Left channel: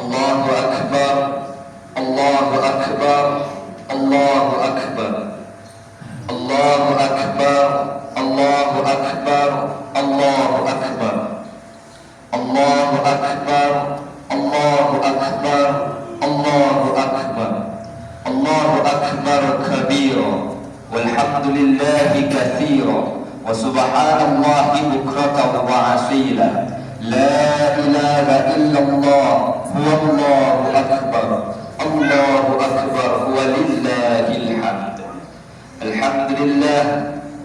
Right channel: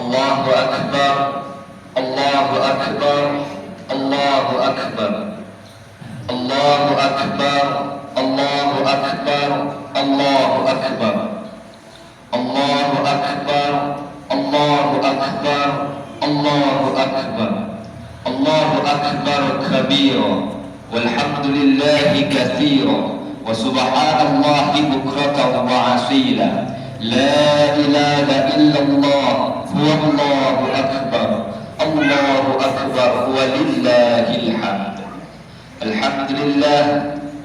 Allahu Akbar, Allahu Akbar, Allahu Akbar, Allahu Akbar, Allahu Akbar, Allahu Akbar, Allahu Akbar, Allahu Akbar, Allahu Akbar, Allahu Akbar kabira, walhamdulillahi katsira, wa subhanallahi bukratan wa asila. La ilaha illallah, wallahu akbar, Allahu akbar, walillahil hamd. Alhamdulillah,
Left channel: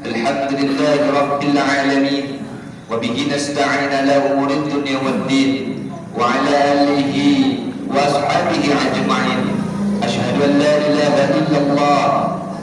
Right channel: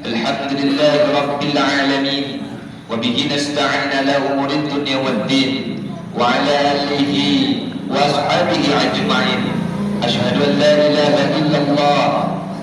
alhamdulillah rabbil alamin, wa bihi nasta'in ala umuri dunya waddin, wa ala alihi wa ashabihi ajma'in. Ashhadu an la ilaha illallah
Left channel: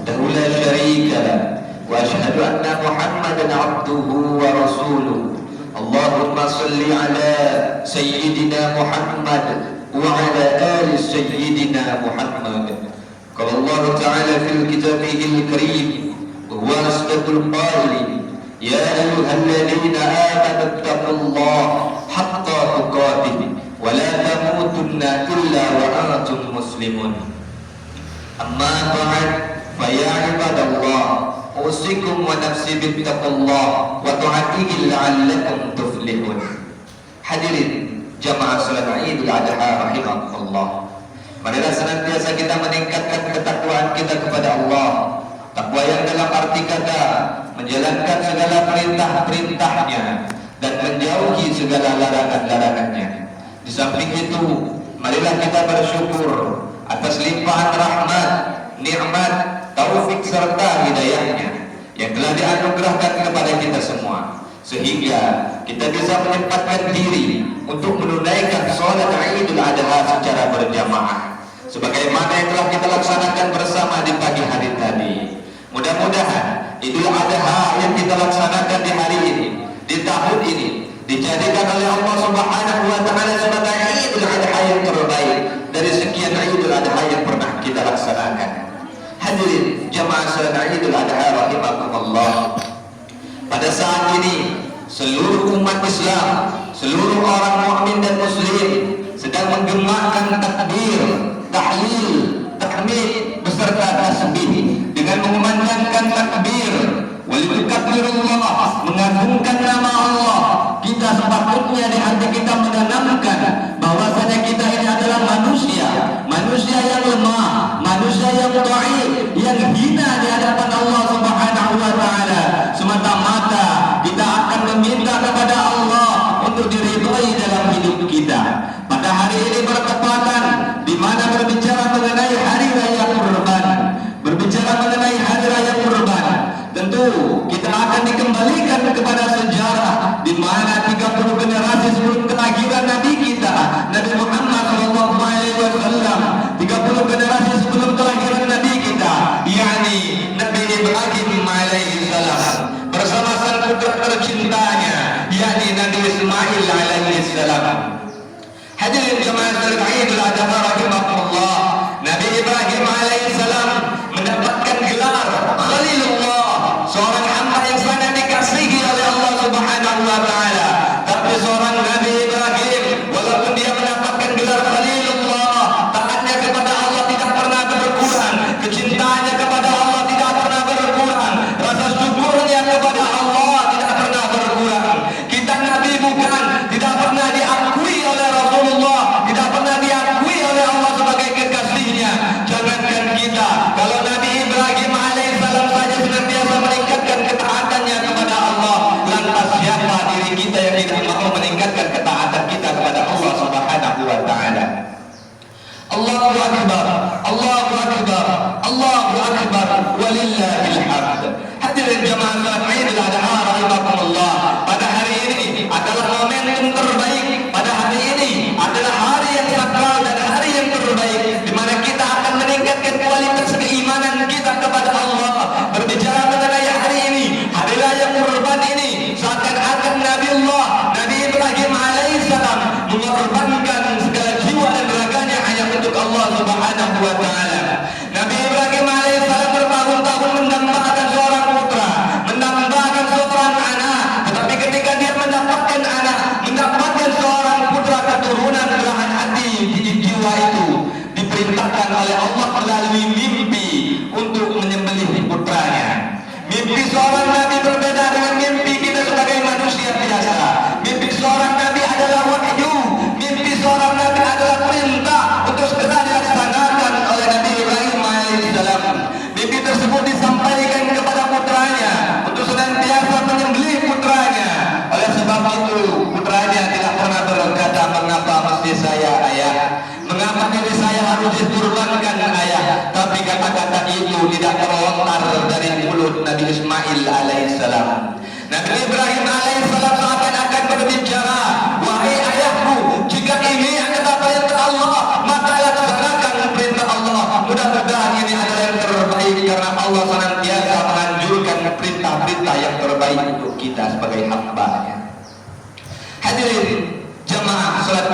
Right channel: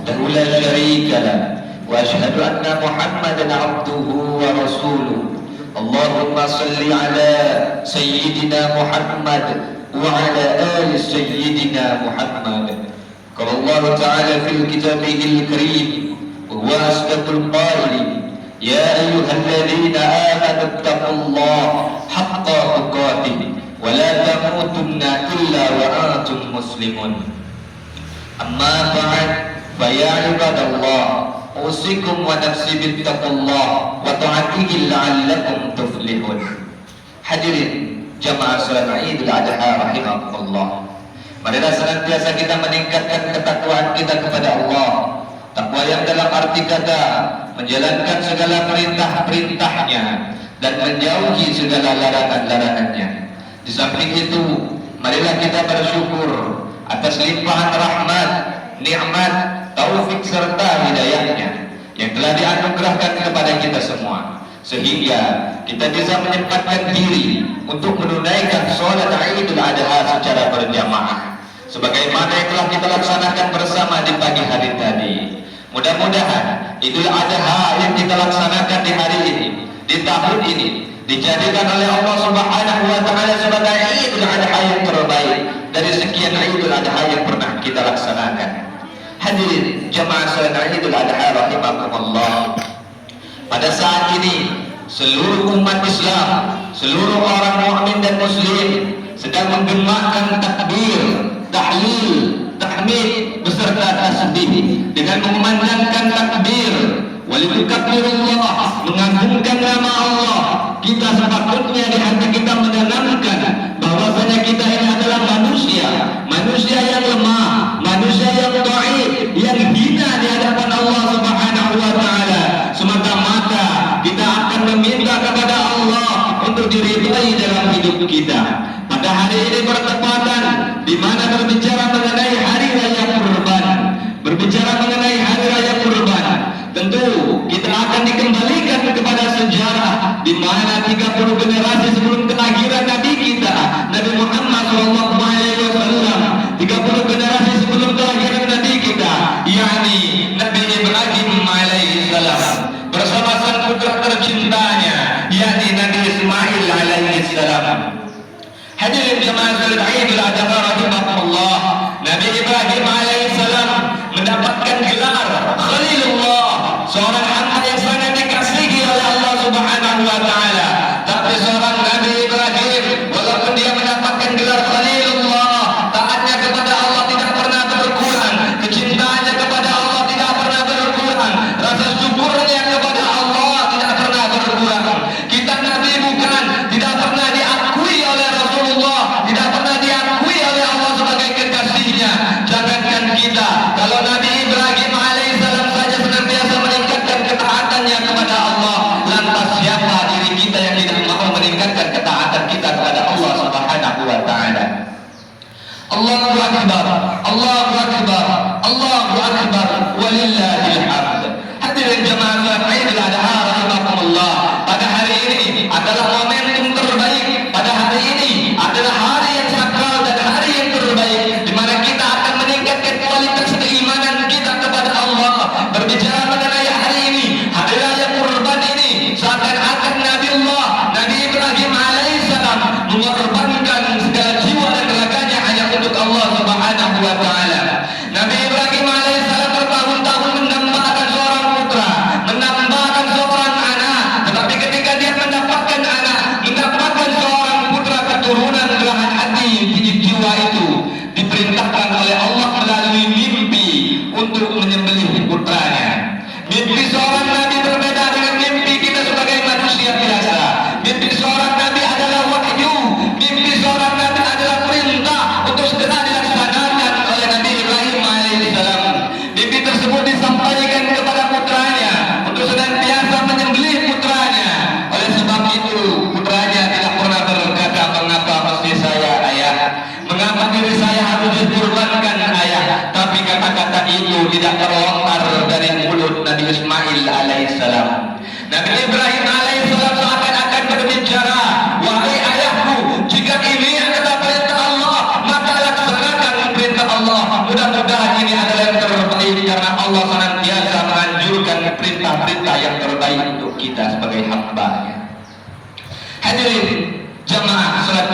wahdahu la syarika lah, wa ashhadu anna Muhammadan abduhu wa rasuluh. Allahumma salli ala Sayyidina Muhammad wa ala ali Sayyidina Muhammad. Qala Allah Ta'ala fil kitabihil karim wa huwa asdaqul qailin, ya ayyuhalladzina amanu taqullaha haqqa tuqatih wa la tamutunna illa wa antum muslimun. Amma ba'd, fa ya ibadallah, usikum wa nafsi bittaqullah wa ta'atihi la'allakum tuflihun. Hadirin jamaah salat Idul Adha rahimakumullah. Marilah senantiasa kita meningkatkan ketakwaan kita kepada Allah. Takwa yang dalam arti kata menjalankan segala perintah-perintahnya dan menjauhi segala larangan-larangannya. Di samping itu, marilah kita bersyukur atas limpahan rahmat, nikmat, taufik serta hidayahnya yang telah dianugerahkan kepada kita semua, sehingga kita bisa menyempatkan diri untuk menunaikan sholat Idul Adha secara berjamaah sebagaimana yang telah kita laksanakan bersama di pagi hari tadi. Mudah-mudahan Idul Adha yang kita laksanakan di hari ini, di tahun ini, dijadikan oleh Allah Subhanahu wa Ta'ala sebagai Idul Adha yang terbaik dari sekian Idul Adha yang pernah kita laksanakan. Hadirin jamaah salat Idul Adha rahimakumullah. Pada saat ini seluruh umat Islam, seluruh orang mukmin dan muslim sedang menggemarkan takbir, tahlil, tahmid beserta tasbih dengan mengumandangkan takbir, walilkabbirullah, mengagungkan nama Allah. Kita sepatutnya di hati kita menanamkan bahwasanya kita ini adalah manusia, manusia yang lemah, manusia yang dhaif, yang hina di hadapan Allah Subhanahu wa Ta'ala. Semata-mata kita akan meminta kepada Allah untuk diridhai dalam hidup kita. Pada hari ini bertepatan di mana berbicara mengenai hari raya Kurban, berbicara mengenai hari raya Kurban, tentu kita akan dikembalikan kepada sejarah di mana 30 generasi sebelum kelahiran Nabi kita, Nabi Muhammad SAW, 30 generasi sebelum kelahiran Nabi kita, yakni Nabi Ibrahim alaihissalam bersama sang putra tercintanya, yakni Nabi Ismail alaihissalam. Hadirin jemaah salat Idul Adha rahimakumullah, Nabi Ibrahim alaihissalam mendapatkan gelar Khalilullah, seorang hamba yang sangat dikasihi oleh Allah Subhanahu wa Ta'ala. Tapi seorang Nabi Ibrahim, walaupun dia mendapatkan gelar Khalilullah, taatnya kepada Allah tidak pernah berkurang, kecintaannya kepada Allah tidak pernah berkurang, rasa syukurnya kepada Allah tidak pernah berkurang. Kita Nabi bukan, tidak pernah diakui oleh Rasulullah, tidak pernah diakui oleh Allah sebagai kekasihnya. Jangankan kita, kalau Nabi Ibrahim alaihissalam saja senantiasa meningkatkan ketaatannya kepada Allah, lantas siapa diri kita yang tidak mau meningkatkan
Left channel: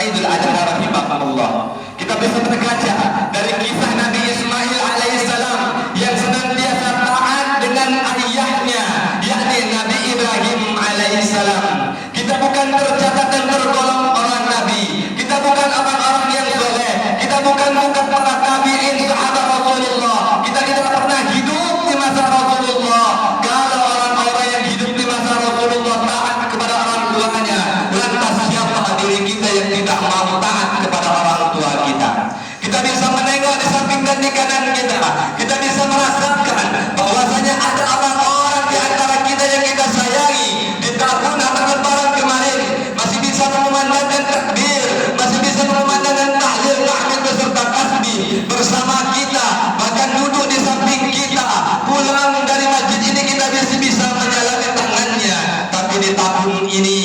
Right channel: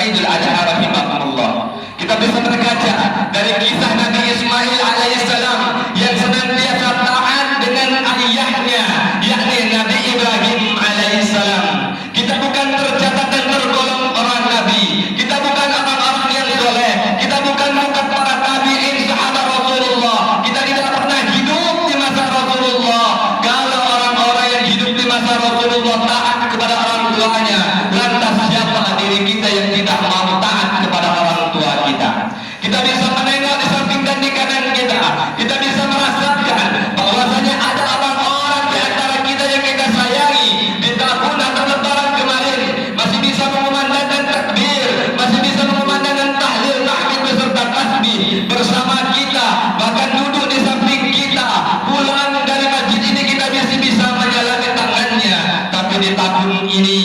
Idul Adha rahimahumullah. Kita bisa berkaca dari kisah Nabi Ismail alaihissalam yang senantiasa taat dengan ayahnya, yakni Nabi Ibrahim alaihissalam. Kita bukan tercatat dan tergolong orang Nabi, kita bukan orang-orang yang soleh, kita bukan para tabi'in sahabat Rasulullah, kita tidak pernah hidup di masa Rasulullah. Kalau orang-orang yang hidup di masa Rasulullah taat kepada orang tuanya, lantas siapa diri kita yang tidak mau taat kepada orang tua kita? Kita bisa menengok di samping dan di kanan kita, kita bisa merasakan bahwasanya ada orang-orang di antara kita yang kita sayangi. Di tahun atau lebaran kemarin masih bisa mengumandangkan takbir, masih bisa mengumandangkan tahlil, tahmid beserta tasbih bersama kita, bahkan duduk di samping kita. Pulang dari masjid ini kita masih bisa menyalahkan tangannya. Tapi di tahun ini,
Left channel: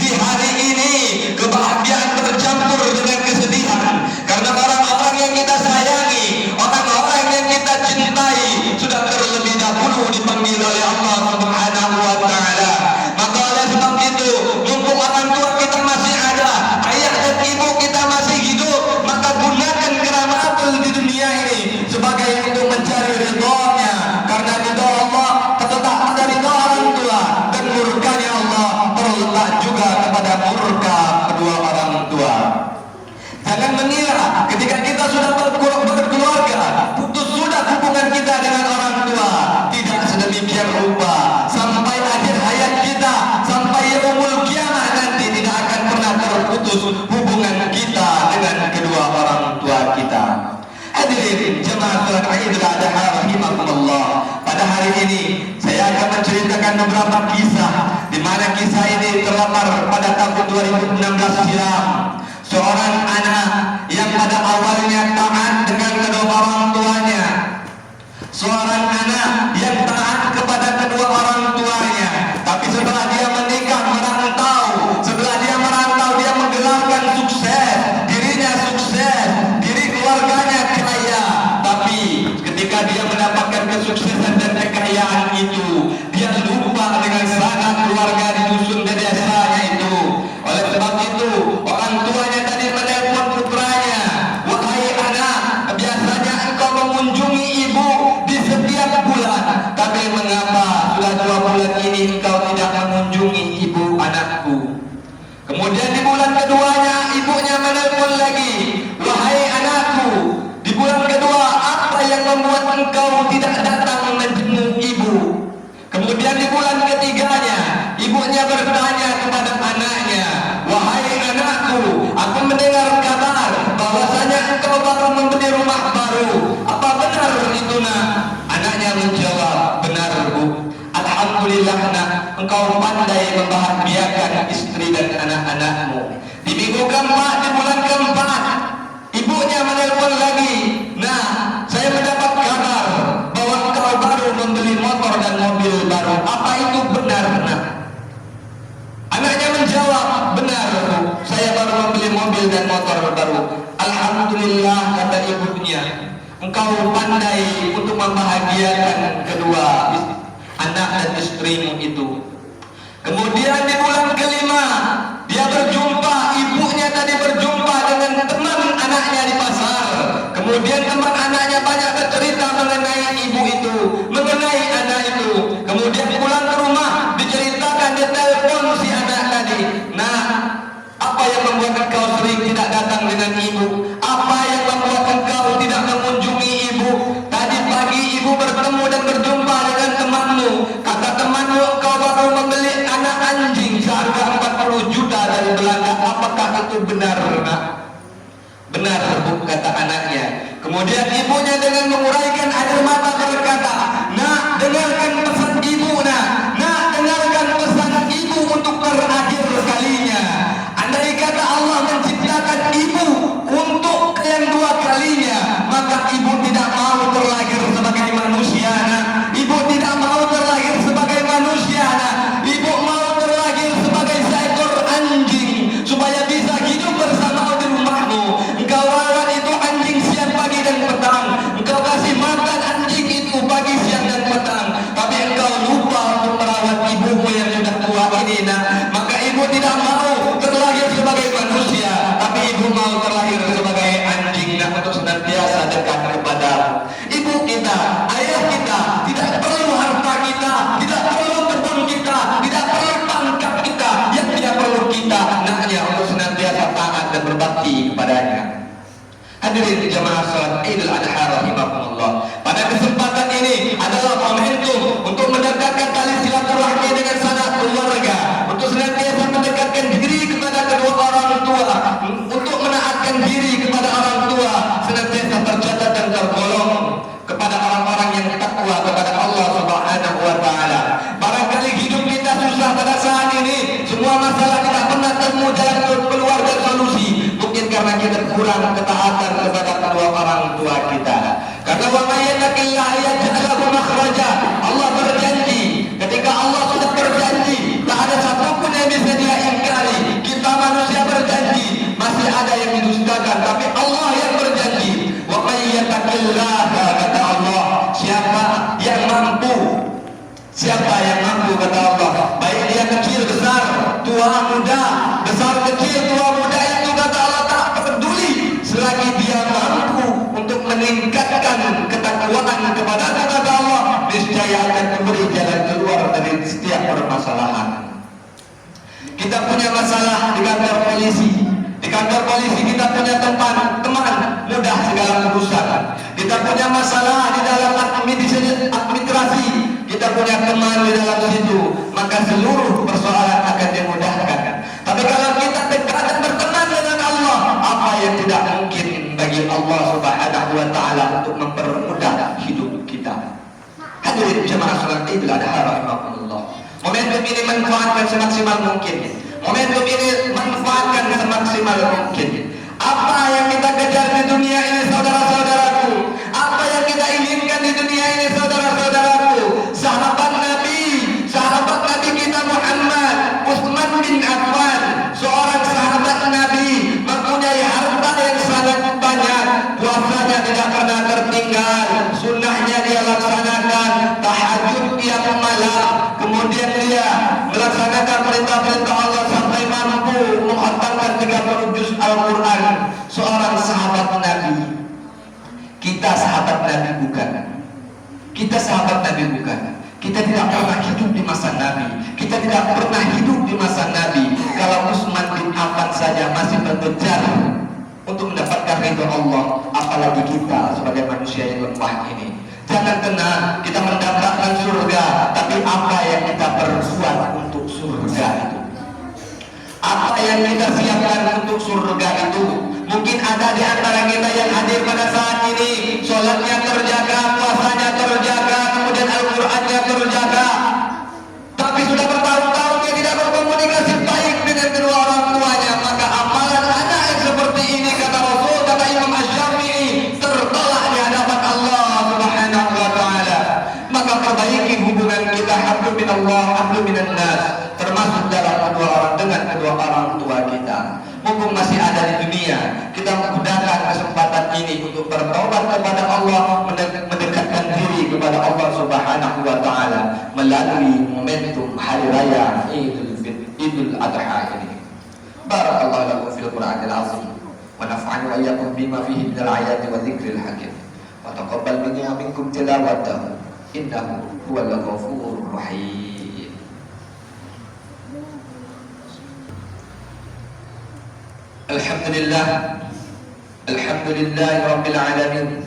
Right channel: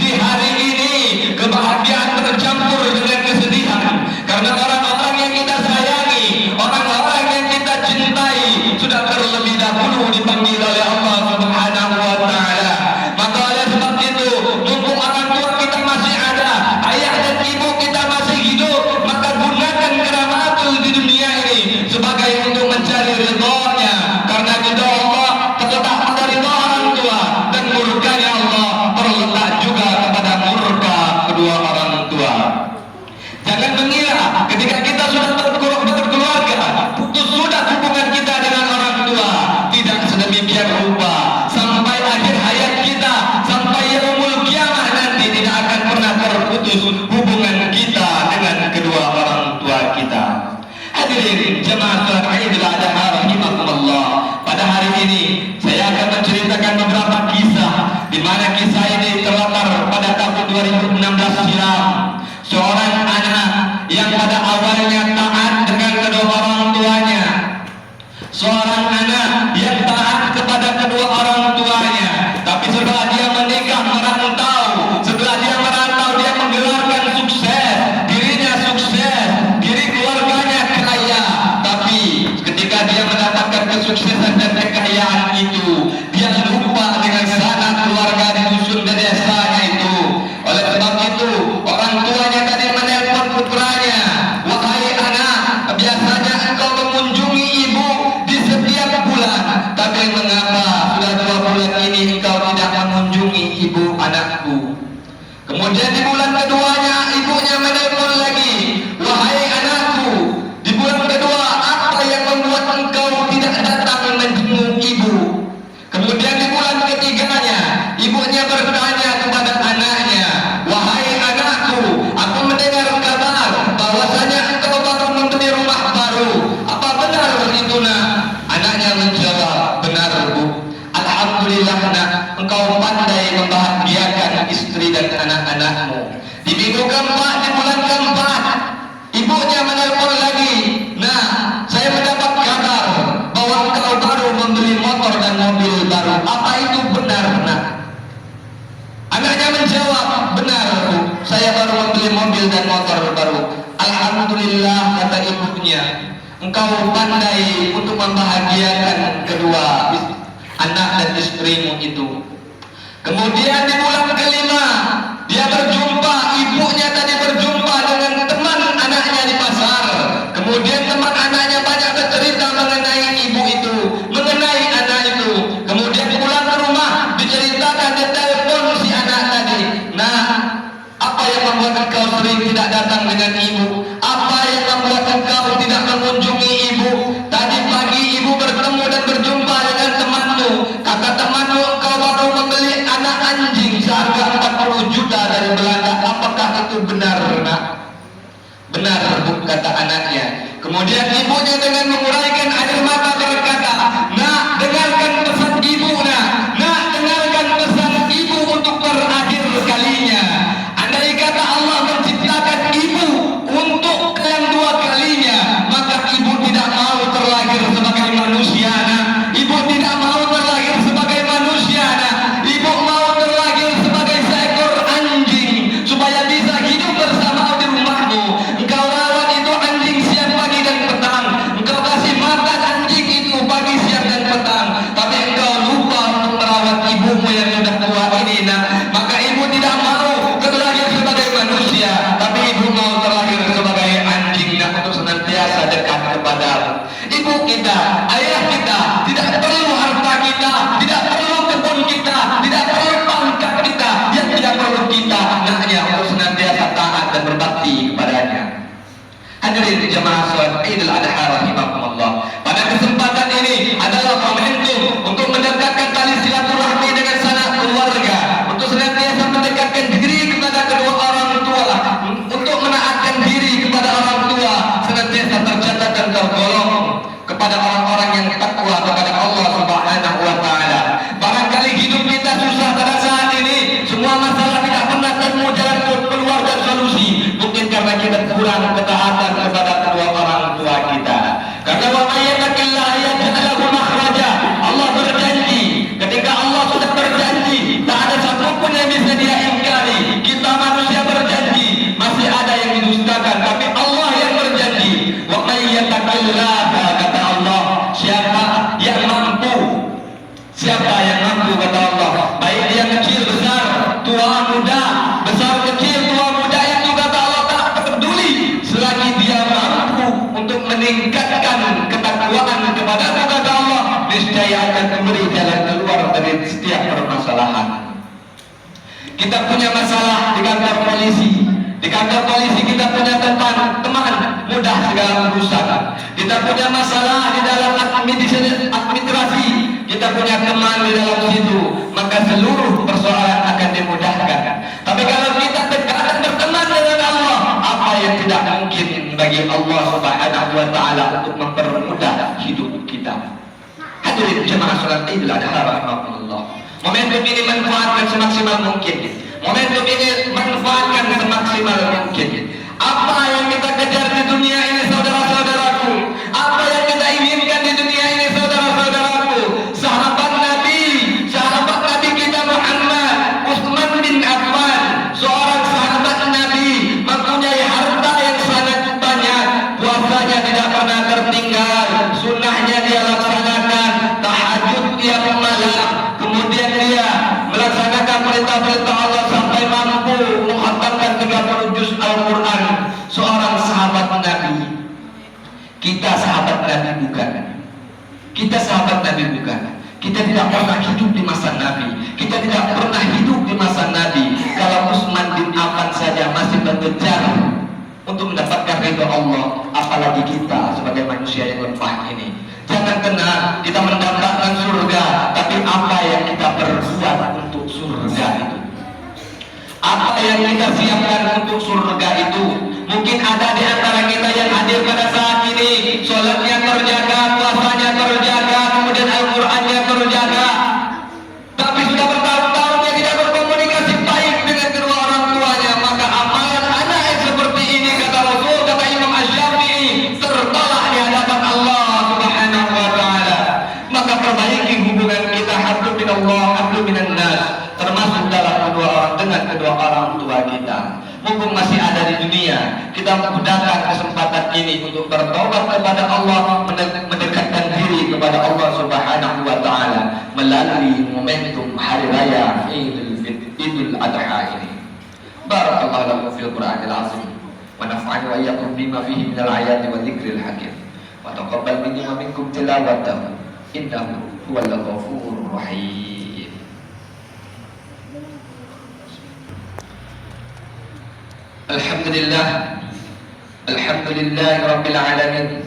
di hari ini, kebahagiaan bercampur dengan kesedihan karena orang-orang yang kita sayangi, orang-orang yang kita cintai sudah terlebih dahulu dipanggil oleh Allah Subhanahu wa taala. Maka oleh sebab itu, mumpung orang tua kita masih ada, ayah dan ibu kita masih hidup, maka gunakan keramatul di dunia ini sebagai untuk mencari ridhonya, karena ridho Allah terletak pada ridho orang tua dan murkanya Allah terletak juga kepada murka kedua orang tua. Jangan mengira ketika kita sudah berkeluarga, putus sudah hubungan kita dengan orang tua. Tidak sedemikian rupa. Sampai akhir hayat kita, sampai yaumul kiamah nanti tidak akan pernah terputus hubungan kita dengan kedua orang tua kita. Hadirin jemaah salat Idul Adha rahimakumullah. Pada hari ini saya akan menceritakan beberapa kisah di mana kisah ini terlatar pada tahun 2016 silam. Seorang anak yang pada awalnya taat dengan kedua orang tuanya, seorang anak yang taat kepada kedua orang tuanya, tapi setelah dia menikah merantau, setelah dia merantau dia menggelarkan sukses, dirinya sukses, diri keluarganya kaya, tapi ketika dia mendapatkan kesuksesan dan kekayaan itu, dia lupa dengan sanak keluarga di dusun dan desanya itu. Oleh sebab itu, orang tuanya tadi menelpon putranya, wahai anak, biasanya engkau mengunjungi ibu di setiap bulan, tapi mengapa sudah 2 bulan ini engkau tidak mengunjungi ibu anakku? Kemudian di bulan keduanya ibunya menelpon lagi, wahai anakku, di bulan kedua apa yang membuat engkau tidak datang menjenguk ibu? Kemudian di bulan ketiganya ibunya bertanya kepada anaknya, wahai anakku, aku mendengar kabar bahwasanya engkau baru membeli rumah baru. Apa benar itu nak? Anaknya menjawab, benar bu. Alhamdulillah nak, engkau pandai membahagiakan istri dan anak-anakmu. Di minggu keempat, di bulan keempat, ibunya menelpon lagi, nah saya mendapat kabar bahwa engkau baru membeli motor dan mobil baru. Apa itu benar nak? Anaknya menjawab, benar bu, saya baru membeli mobil dan motor baru. Alhamdulillah, kata ibunya, engkau pandai untuk membahagiakan kedua anak dan istrimu itu. Kemudian di bulan kelima dia berjumpa, ibunya tadi berjumpa dengan teman anaknya di pasar. Kemudian teman anaknya banyak bercerita mengenai ibu itu, mengenai anak itu. Kemudian pulang ke rumah diceritakan, ditelepon si anak tadi, nah apa yang membuat engkau sering tidak datang dengan ibu? Apa yang membuat engkau tidak mengunjungi ibu? Tadi pagi ibu bertemu dan berjumpa dengan temanmu. Kata temanmu engkau baru membeli anak anjing seharga 40 juta dari Belanda. Apakah itu benar nak? Benar bu, kata anaknya. Kemudian ibunya dengan menguraikan air mata berkata, nak dengarkan pesan ibu nak dengarkan pesan ibu untuk terakhir kalinya. Andai kata Allah menciptakan ibu untuk yang 2 kalinya, maka ibu tidak mau terlahir sebagai manusia nak. Ibu tidak mau terlahir sebagai manusia nak. Ibu mau terlahir sebagai seekor anjing supaya bisa hidup bersama di rumahmu. Engkau rawat itu anjing siang pagi dan petang, engkau kasih makan anjing itu pagi siang dan petang. kita, ayah kita, tidak perlu harta kita, tidak perlu kebun kita, tidak perlu pangkat kita. Yang tidak perlu kita anaknya untuk senantiasa taat dan berbakti kepadanya. Hadirin jemaah salat Idul Adha rahimakumullah. Pada kesempatan ini adalah momentum untuk mendekatkan tali silaturahmi dengan sanak keluarga, untuk senantiasa mendekatkan diri kepada kedua orang tua, untuk menaatkan diri kepada orang tua, senantiasa tercatat dan tergolong kepada orang-orang yang takwa kepada Allah Subhanahu wa taala. Barangkali hidup kita susah pada saat ini, semua masalah tidak pernah temu jalan keluar dan solusi. Mungkin karena kita kurang ketaatan kepada kedua orang tua kita. Karena wa may yattaqillaha yaj'al lahu makhraja. Allah berjanji, ketika Allah sudah berjanji, tak ada satupun yang bisa dia ingkari. Kita manusia berjanji, masih ada yang didustakan, tapi Allah yang berjanji. Wa may yattaqillaha, kata Allah, siapa yang mampu, siapa yang mampu, kata Allah, baik dia kecil besar, tua muda, besar kecil, tua muda, itu kata Allah tak peduli selagi dia mampu untuk meningkatkan ketakwaan kepada kata Allah, niscaya akan memberi jalan keluar dari setiap permasalahan. Kita punya masalah di kantor polisi. Di kantor polisi kita punya teman mudah segala urusan. Kita punya masalah di dalam administrasi, kita punya teman di dalam situ, maka seluruh persoalan akan dimudahkan. Tapi kalau kita dekat dan berteman dengan Allah, apa yang tidak mungkin bagi Allah Subhanahu wa taala untuk mempermudah hidup kita. Hadirin jemaah salat Idul Adha rahimakumullah. Momentum ini manfaatkan semaksimal mungkin. Momentum ini manfaatkan semaksimal mungkin. Apa yang kita kejar di dunia ini, saudara-saudaraku, apa yang kita inginkan di dunia ini, saudara-saudaraku, sahabat Nabi kita Muhammad Utsman bin Affan, seorang sahabat Nabi, mempunyai harta yang sangat banyak, puasanya tidak pernah tertinggal, sunnahnya dia laksanakan, tahajud tiap malam, kemudian dia melaksanakan perintah-perintah Allah sampai mampu menghatamkan 30 juz Al-Quran. Seorang sahabat Nabi. Kita sahabat Nabi bukan? Kita sahabat Nabi bukan? Kita tidak pernah hidup di masa Nabi. Kita tidak pernah hidup di masa Nabi. Kalau Utsman bin Affan saja masih mengejar untuk mendapatkan ridho Allah, apalagi kita sebagai manusia yang lemah ini. Jangan tenang, kita mendapatkan surga, tapi apa yang kita perbuat untuk surga itu? Apa yang kita siapkan untuk surga itu? Mungkin ada di antara kita yang hadir pada saat ini, sholatnya terjaga, puasanya terjaga, kemudian Al-Qurannya terjaga, tapi sudah bertahun-tahun dia tidak berkomunikasi baik dengan kedua orang tuanya. Maka amalan anak yang seperti ini, kata Rasul, kata Imam Asy-Syafi'i, tertolak di hadapan Allah Subhanahu wa taala. Maka perbaiki hubungan kita, hablu minallah, hablu minan nas, termasuk dalam dengan kedua orang tua kita. Mumpung masih ada di dunia, kita menggunakan kesempatan ini untuk bertobat kepada Allah, mendekatkan diri kepada Allah Subhanahu wa taala melalui momentum hari raya Idul Adha ini. Barakallahu lakum fil Qur'anil azim wa nafa'ani wa iyyakum bima fihi minal ayati wa dzikril hakim. Wa taqabbal minni wa minkum tilawatahu innahu huwal ghafurur rahim. Alhamdulillah, alhamdulillah rabbil alamin.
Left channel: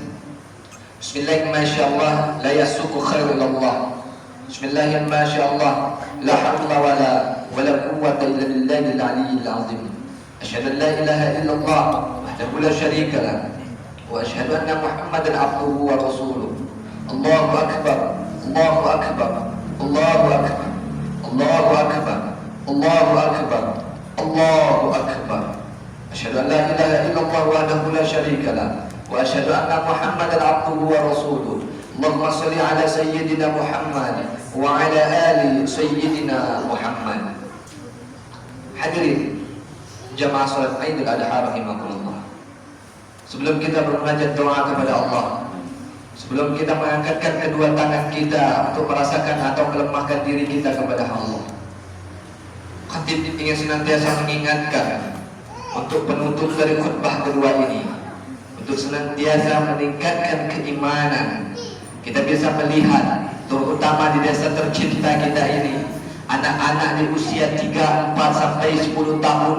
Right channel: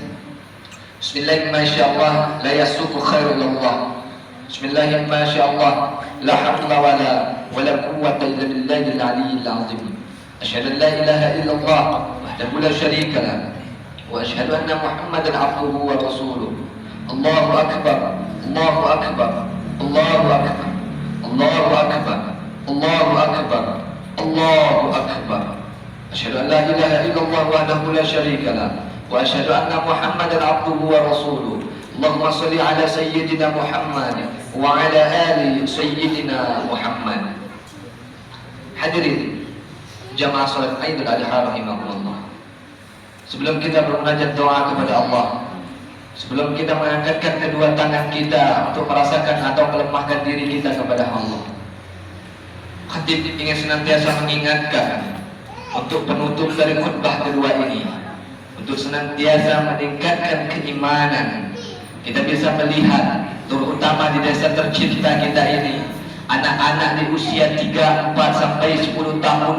Bismillah ma sya Allah la yasuqu khairul Allah. Bismillah ma sya Allah la hawla wala quwwata illa billahil aliyyil azim. Asyhadu an la ilaha illallah wahdahu la syarika lah wa asyhadu anna Muhammadan abduhu wa rasuluh. Allahu akbar, Allahu akbar, Allahu akbar, Allahu akbar, Allahu akbar, Allahu akbar. Asyhadu an la ilaha illallah wahdahu la syarika lah wa asyhadu anna Muhammadan abduhu wa rasuluh. Allahumma shalli ala sayyidina Muhammad wa ala ali sayyidina Muhammad. Hadirin jamaah salat Idul Adha rahimakumullah. Sebelum kita bermunajat doa kepada Allah, sebelum kita mengangkatkan kedua tangan kita untuk merasakan atau melemahkan diri kita kepada Allah, khatib ingin senantiasa mengingatkan untuk penutup dari khutbah kedua ini, untuk senantiasa meningkatkan keimanan, Kita bisa melihat, terutama di desa tercinta kita ini, anak-anak di usia 3, 4 sampai 10 tahun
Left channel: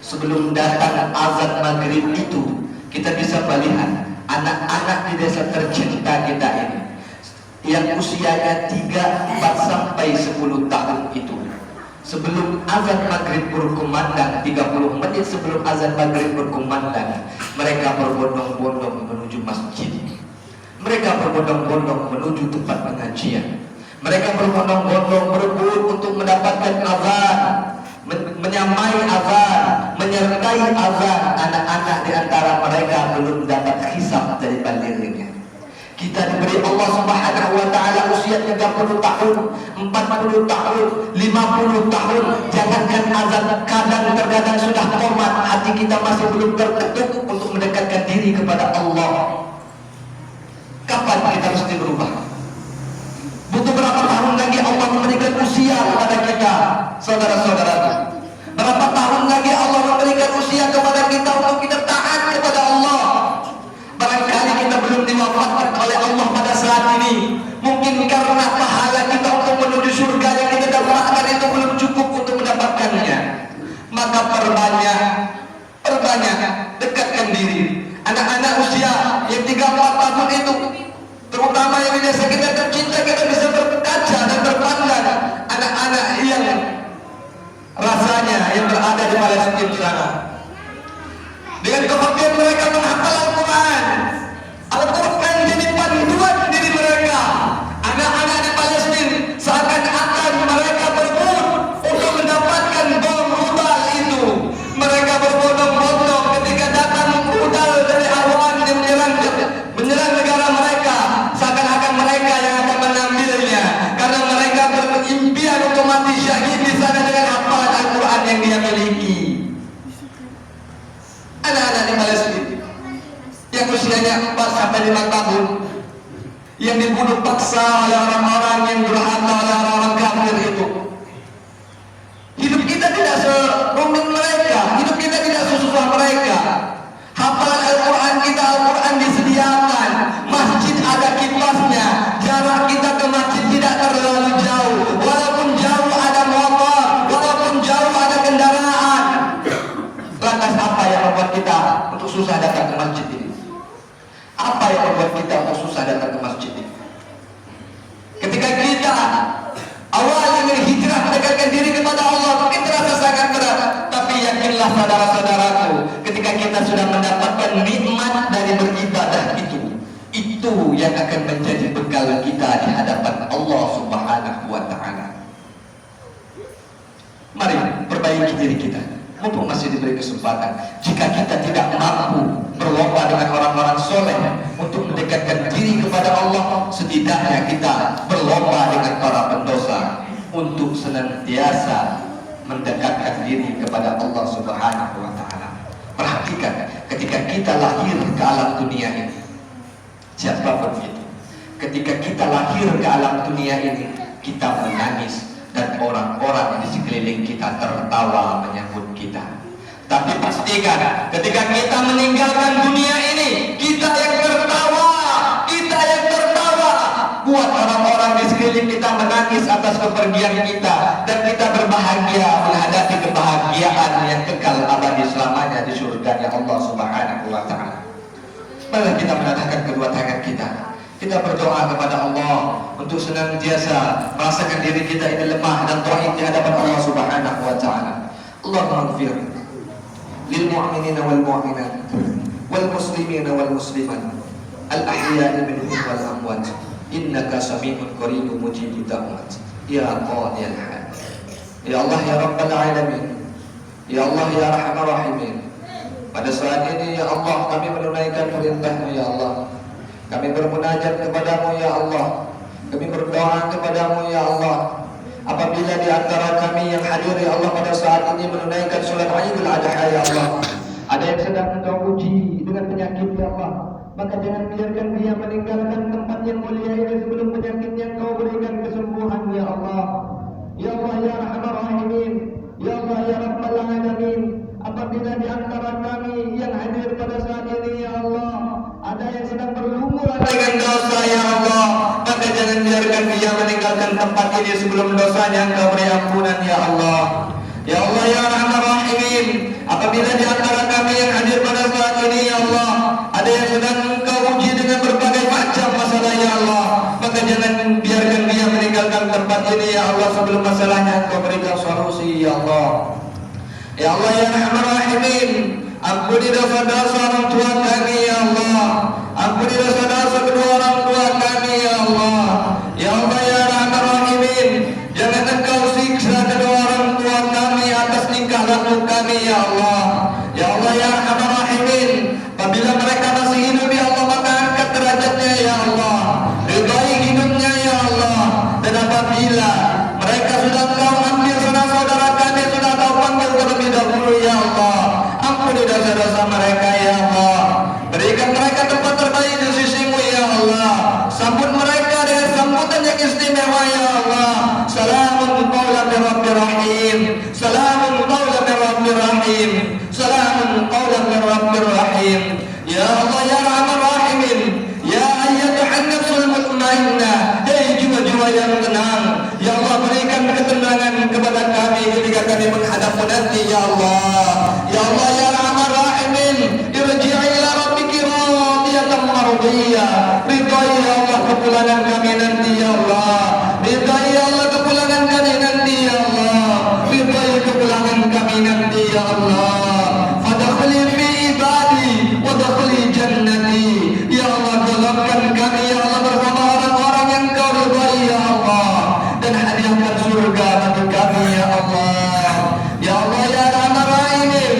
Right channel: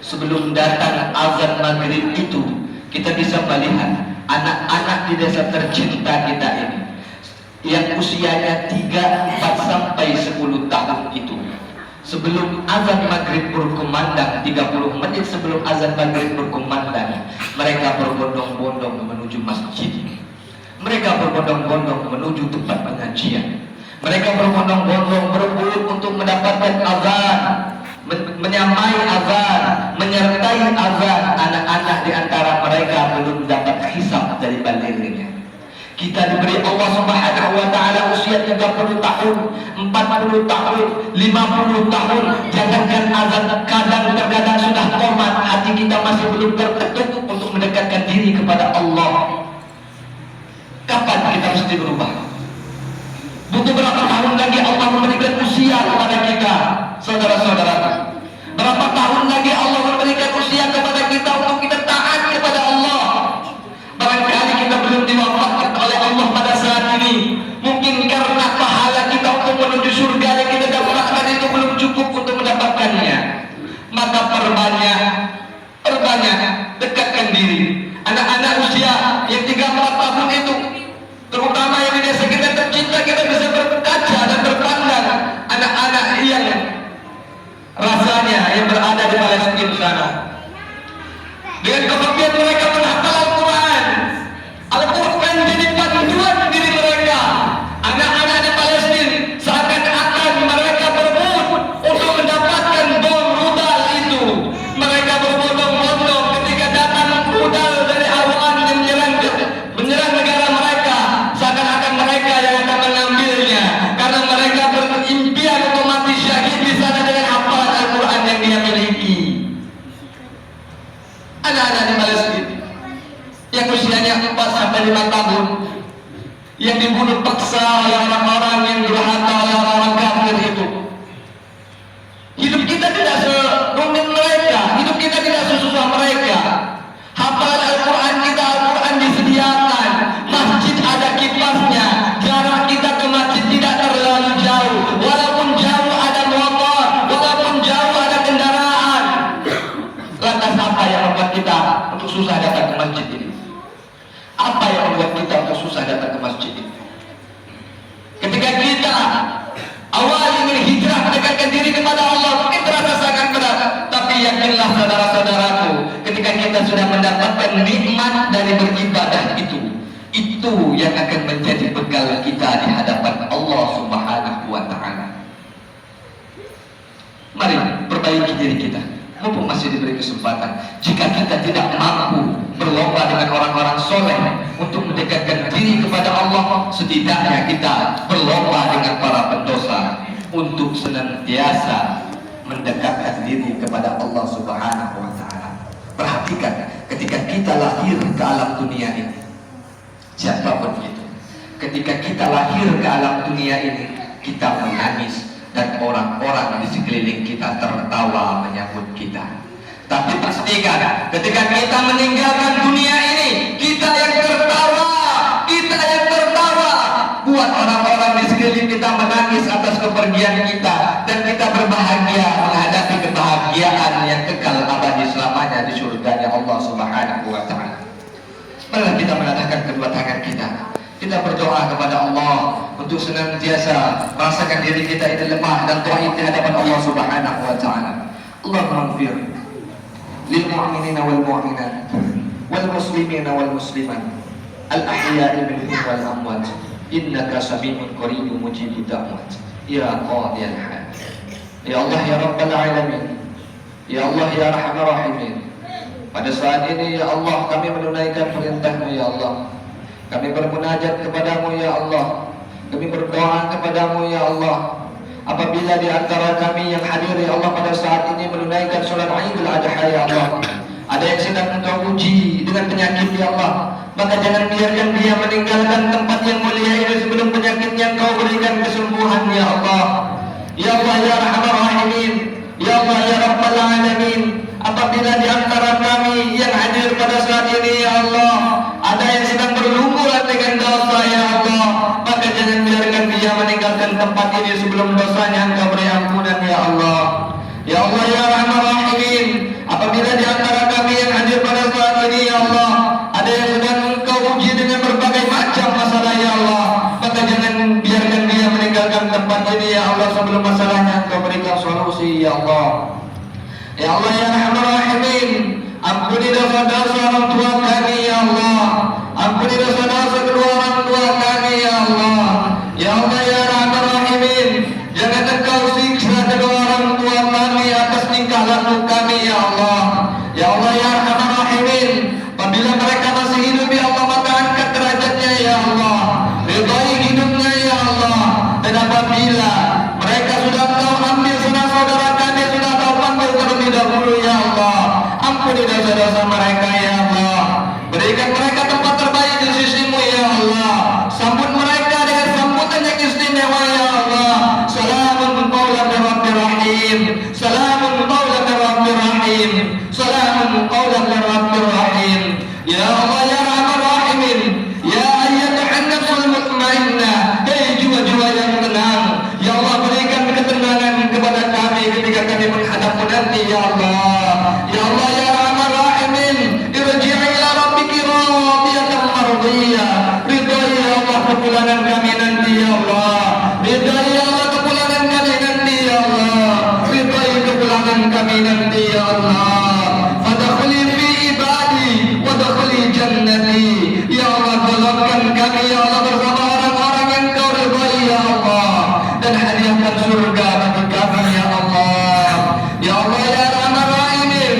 sebelum datang azan maghrib itu, kita bisa melihat anak-anak di desa tercinta kita ini yang usianya 3, 4 sampai 10 tahun itu, sebelum azan maghrib berkumandang, 30 menit sebelum azan maghrib berkumandang, mereka berbondong-bondong menuju masjid. Mereka berbondong-bondong menuju tempat pengajian. Mereka berbondong-bondong berebut untuk mendapatkan azan, menyamai azan, menyertai azan. Anak-anak di antara mereka belum dapat hisab dari balignya. Kita diberi Allah Subhanahu wa taala usia 30 tahun, 40 tahun, 50 tahun. Jangankan azan, kadang-kadang sudah qomat, hati kita masih belum terketuk untuk mendekatkan diri kepada Allah. Kapan kita mesti berubah? Butuh berapa tahun lagi Allah memberikan usia kepada kita, saudara-saudara? Berapa tahun lagi Allah memberikan usia kepada kita untuk kita taat kepada Allah? Barangkali kita belum diwafatkan oleh Allah pada saat ini. Mungkin karena pahala kita untuk menuju surga yang kita dapatkan itu belum cukup untuk mendapatkannya. Maka perbanyak dekatkan diri. Anak-anak usia yang 3-4 tahun itu, terutama yang di desa kita tercinta, kita bisa berkaca dan berpandang anak-anak yang rasanya yang berada di Palestina sana. Dengan kebaktian mereka menghafal Al-Quran. Al-Quran jadi panduan diri mereka. Anak-anak di Palestina seakan-akan mereka berebut untuk mendapatkan bom rudal itu. Mereka berbondong-bondong ketika datang rudal dari awan yang menyerang negara mereka. Seakan-akan mereka yang akan mengambilnya, karena mereka berimpian untuk mati syahid di sana dengan hafalan Al-Quran yang dia miliki. Anak-anak di Palestina yang usianya 4 sampai 5 tahun, yang dibunuh paksa oleh orang-orang yang durhaka, oleh orang-orang kafir itu. Hidup kita tidak serumit mereka, hidup kita tidak sesusah mereka. Hafalan Al-Quran kita, Al-Quran disediakan, masjid ada kipasnya, jarak kita ke masjid tidak terlalu jauh. Walaupun jauh ada motor, walaupun jauh ada kendaraan. Lantas apa yang membuat kita untuk susah datang ke masjid ini? Apa yang membuat kita untuk susah datang ke masjid ini? Ketika kita awal ingin hijrah mendekatkan diri kepada Allah, mungkin terasa sangat berat. Tapi yakinlah saudara-saudaraku, ketika kita sudah mendapatkan nikmat dari beribadah itu yang akan menjadi bekal kita di hadapan Allah Subhanahu wa taala. Mari perbaiki diri kita, mumpung masih diberi kesempatan. Jika kita tidak mampu berlomba dengan orang-orang soleh untuk mendekatkan diri kepada Allah, setidaknya kita berlomba dengan para pendosa untuk senantiasa mendekatkan diri kepada Allah Subhanahu wa taala. Perhatikan, ketika kita lahir ke alam dunia ini, siapapun itu, ketika kita lahir ke alam dunia ini, kita menangis dan orang-orang di sekeliling kita tertawa menyambut kita. Tapi pastikan, ketika kita meninggalkan dunia ini, kita yang tertawa, kita yang tertawa. Buat orang-orang di sekeliling kita menangis atas kepergian kita, dan kita berbahagia menghadapi kebahagiaan yang kekal abadi selamanya di surganya Allah Subhanahu wa taala. Mari kita menatahkan kedua tangan kita. Kita berdoa kepada Allah untuk senantiasa merasakan diri kita ini lemah dan dhaif di hadapan Allah Subhanahu wa taala. Allahumma ighfir lil mu'minina wal mu'minat wal muslimina wal muslimat al ahya'i minhum wal amwat innaka sami'un qaribun mujibud da'wat ya qadiyal hal. Ya Allah ya Rabbal alamin, ya Allah ya Arhamar Rahimin, pada saat ini ya Allah kami menunaikan perintah-Mu ya Allah. Kami bermunajat kepadamu ya Allah. Kami berdoa kepadamu ya Allah. Apabila di antara kami yang hadir ya Allah pada saat ini menunaikan sholat Idul Adha ya Allah, ada yang sedang Engkau uji dengan penyakit ya Allah, maka jangan biarkan dia meninggalkan tempat yang mulia ini sebelum penyakitnya Engkau berikan kesembuhan ya Allah. Ya Allah ya Arhamar Rahimin, ya Allah ya Rabbal Alamin. Apabila di antara kami yang hadir pada saat ini ya Allah, ada yang sedang berlumuran dengan dosa ya Allah, ini sebelum dosanya Engkau beri ampunan ya Allah. Ya Allah ya Rahman Rahimin, apabila di antara kami yang hadir pada saat ini ya Allah, ada yang sedang Engkau uji dengan berbagai macam masalah ya Allah, maka jangan biarkan dia meninggalkan tempat ini ya Allah sebelum masalahnya Engkau berikan solusi ya Allah. Ya Allah ya Rahman Rahimin, ampuni dosa-dosa orang tua kami ya Allah, ampuni dosa-dosa kedua orang tua kami ya Allah. Ya Allah ya Rahman Rahimin, jangan Engkau siksa kedua orang tua kami atas tingkah laku kami ya Allah. Ya Allah ya Rahman Rahimin, apabila mereka masih hidup ya Allah, maka angkat derajatnya ya Allah, ridhai hidupnya ya Allah. Dan apabila mereka sudah tahu ambil saudara-saudara kami, sudah tahu panggil terlebih dahulu ya Allah, ampuni dosa-dosa mereka ya Allah, berikan mereka tempat terbaik di sisimu ya Allah, sambut mereka dengan sambutan yang istimewa ya Allah. Salamun qawlan min Rabbir Rahim, salamun qawlan min Rabbir Rahim, salamun qawlan min Rabbir Rahim. Ya Allah ya Rahman Rahimin, ya ayyatuhan nafsul mutmainnah, hei jiwa-jiwa yang tenang ya Allah, berikan ketenangan kepada kami ketika kami menghadapmu nanti ya Allah. Ya Allah ya Rahman Rahimin, irji'i ila rabbiki radiyatan mardiyah, ridhai ya Allah kepulangan kami nanti ya Allah, ridhai ya Allah kepulangan kami nanti ya Allah, ridhai kepulangan kami nanti ya Allah. Fadkhuli fi ibadi wadkhuli jannati, ya Allah golongkan kami ya Allah bersama orang-orang yang Kau ridhai ya Allah, dan hadiahkan surga bagi kami ya Allah. Ya Allah ya Rahman Rahimin,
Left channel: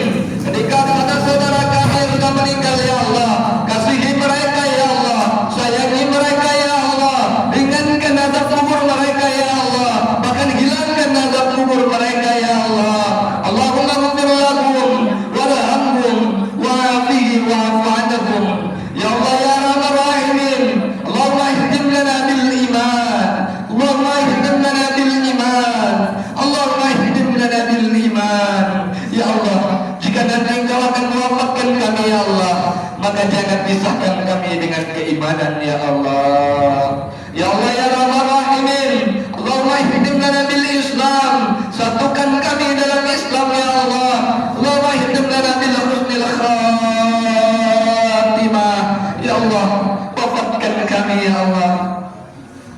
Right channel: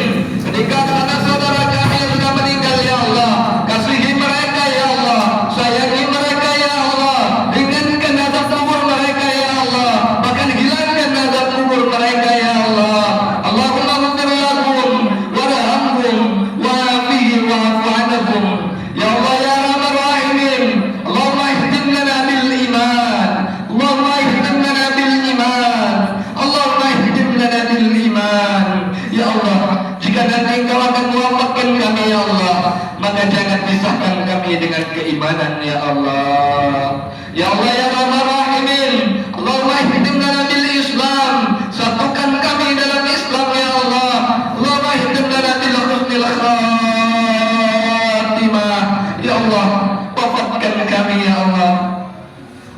ketika saudara kami yang sudah meninggal ya Allah, kasihi mereka ya Allah, sayangi mereka ya Allah, ringankan azab kubur mereka ya Allah, bahkan hilangkan azab kubur mereka ya Allah. Allahumma ghfir lahum warhamhum wa'afihim wa'fu anhum. Ya Allah ya Rahman Rahimin, Allahumma ihdim lana bil iman, Allahumma ihdim lana bil iman, Allahumma ihdim lana bil iman. Ya Allah, jika nanti Engkau akan mewafatkan kami ya Allah, maka jangan pisahkan kami dengan keimanan ya Allah. Ya Allah ya Rahman Rahimin, Allahumma ihdim lana bil Islam, satukan kami dalam Islam ya Allah. Allahumma ihdim lana bil husnil khatimah. Ya Allah, wafatkan kami ya Allah,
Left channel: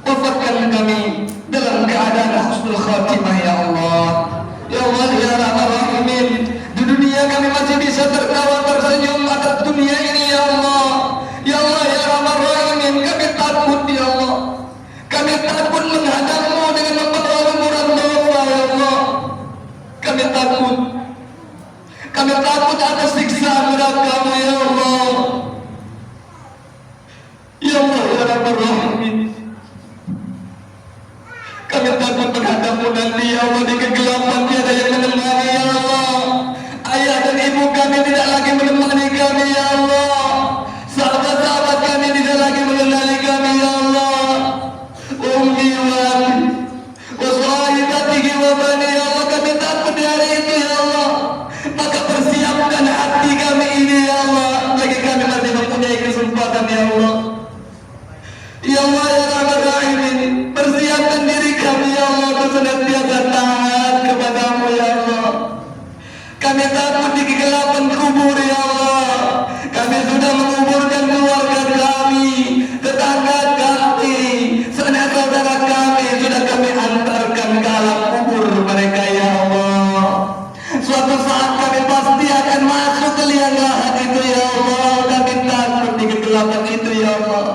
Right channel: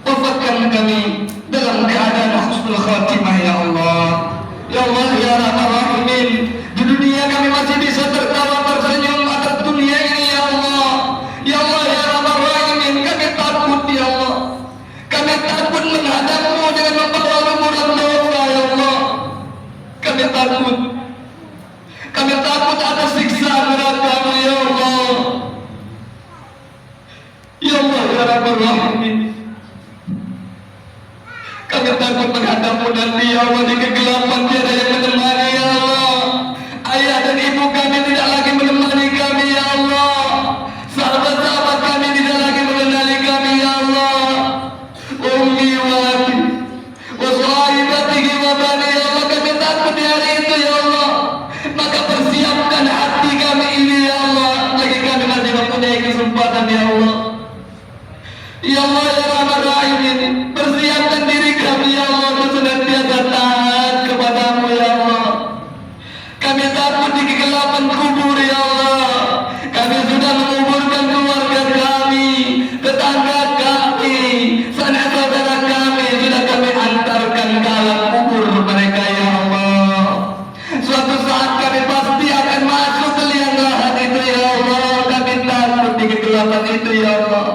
wafatkan kami dalam keadaan husnul khatimah ya Allah. Ya Allah ya Rahman Rahimin, di dunia kami masih bisa tertawa tersenyum atas dunia ini ya Allah. Ya Allah ya Rahman Rahimin, kami takut ya Allah, kami takut menghadapmu dengan membawa lumuran dosa ya Allah. Kami takut atas siksa neraka-Mu ya Allah. Ya Allah ya Rahman Rahimin, kami takut menghadapmu nanti ya Allah, di kegelapan tiada yang menemani ya Allah. Ayah dan ibu kami tidak lagi menemani kami ya Allah, sahabat-sahabat kami tidak lagi mengenali kami ya Allah. Ummi wa abi wa sahibatihi wa bani ya Allah, kami takut di hari itu ya Allah, maka persiapkan hati kami ini ya Allah, lagi kami masih mempunyai kesempatan ya Allah. Ya Allah ya Rahman Rahimin, persiapkan diri kami ya Allah untuk senantiasa taat kepadamu ya Allah. Kami takut di kegelapan kubur ya Allah, kami sudah menguburkan keluarga kami, tetangga kami, sanak saudara kami, sudah kami antarkan ke alam kubur mereka ya Allah. Suatu saat kami pasti akan masuk ke liang lahat itu ya Allah, kami takut di kegelapan itu ya Allah.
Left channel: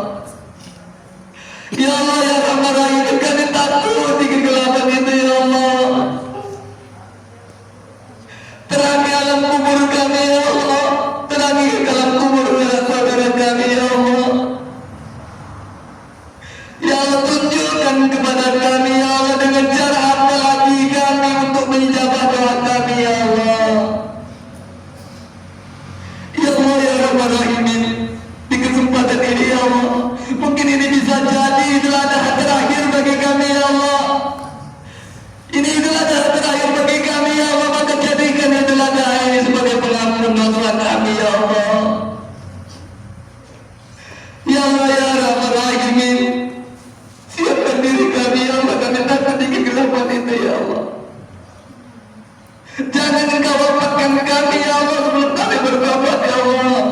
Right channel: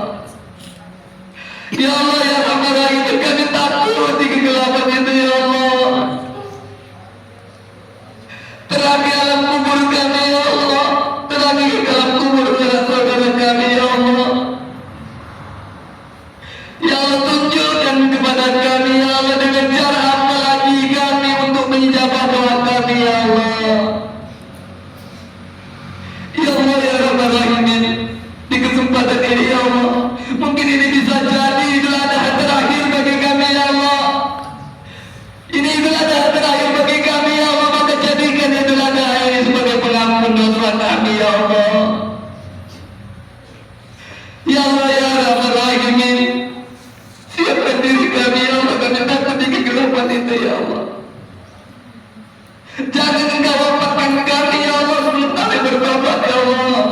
Jangan Engkau wafatkan kami ya Allah sebelum kami bertobat ya Allah.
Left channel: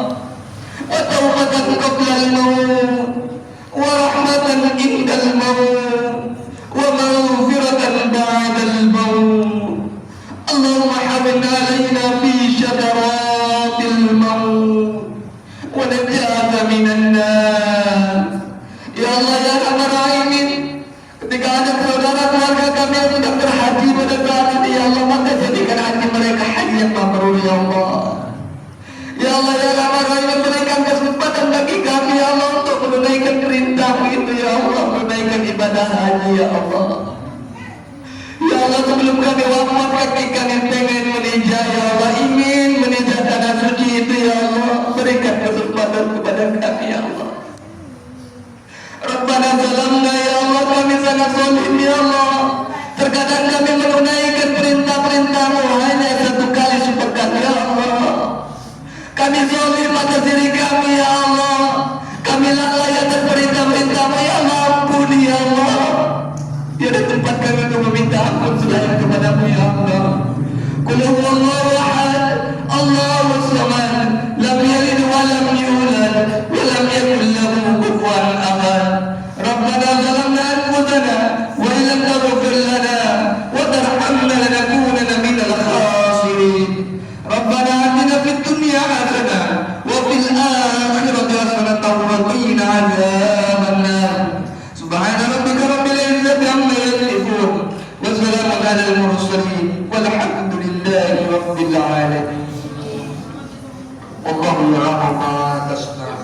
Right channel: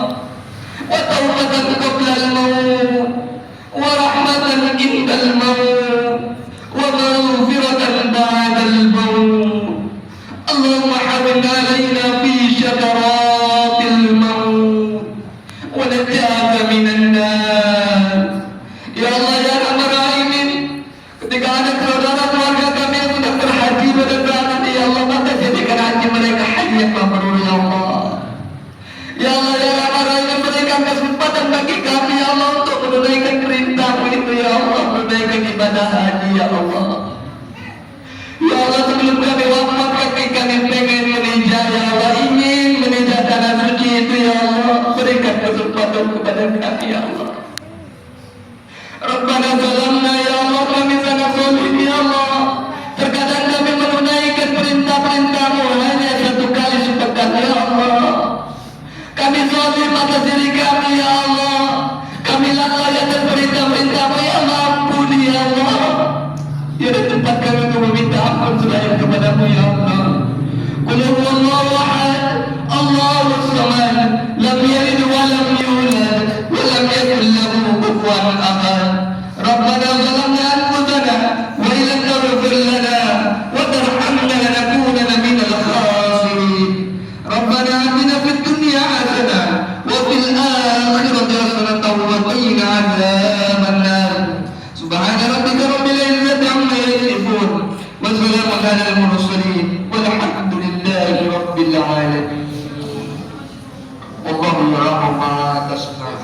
Wa taubatan qabla al-maut wa rahmatan indal maut wa maghfiratan ba'da al-maut. Allahumma hawwin alaina fi syadaratil maut wa najata minan nar. Ya Allah ya Arhamar Rahimin, ketika ada saudara keluarga kami yang sedang berhaji pada saat ini ya Allah, maka jadikan haji mereka haji yang mabrur ya Allah. Ya Allah ya Arhamar Rahimin, berikan kesempatan bagi kami ya Allah untuk menunaikan perintah-Mu itu ya Allah, menunaikan ibadah haji ya Allah. Ya Allah, sebelum kami wafat kami pengen meninjau ya Allah, ingin meninjau tanah suci itu ya Allah, berikan kesempatan kepada kami ya Allah. Rabbana zalamna ya Allah, kami sangat zalim ya Allah. Terkadang kami menunaikan perintah-perintah-Mu hanya satu kali sepekan ya Allah. Kami zalim atas diri kami ya Allah. Kami lalai atas perintah-perintah-Mu ya Allah, ampuni ya Allah. Tiada tempat kami untuk meminta ampun selain kepada-Mu ya Allah. Qul huwallahu ahad, Allahus samad, lam yalid wa lam yulad wa lam yakul lahu kufuwan ahad. Rabbana zalamna anfusana wa illam taghfir lana wa tarhamna lanakunanna minal khasirin. Rabbana atina fid dunya hasanah wa fil akhirati hasanah wa qina adzaban nar. Subhana rabbika rabbil izzati amma yasifun wa salamun alal mursalin walhamdulillahi rabbil alamin. Wallahu ya'lamu ma tasna'un.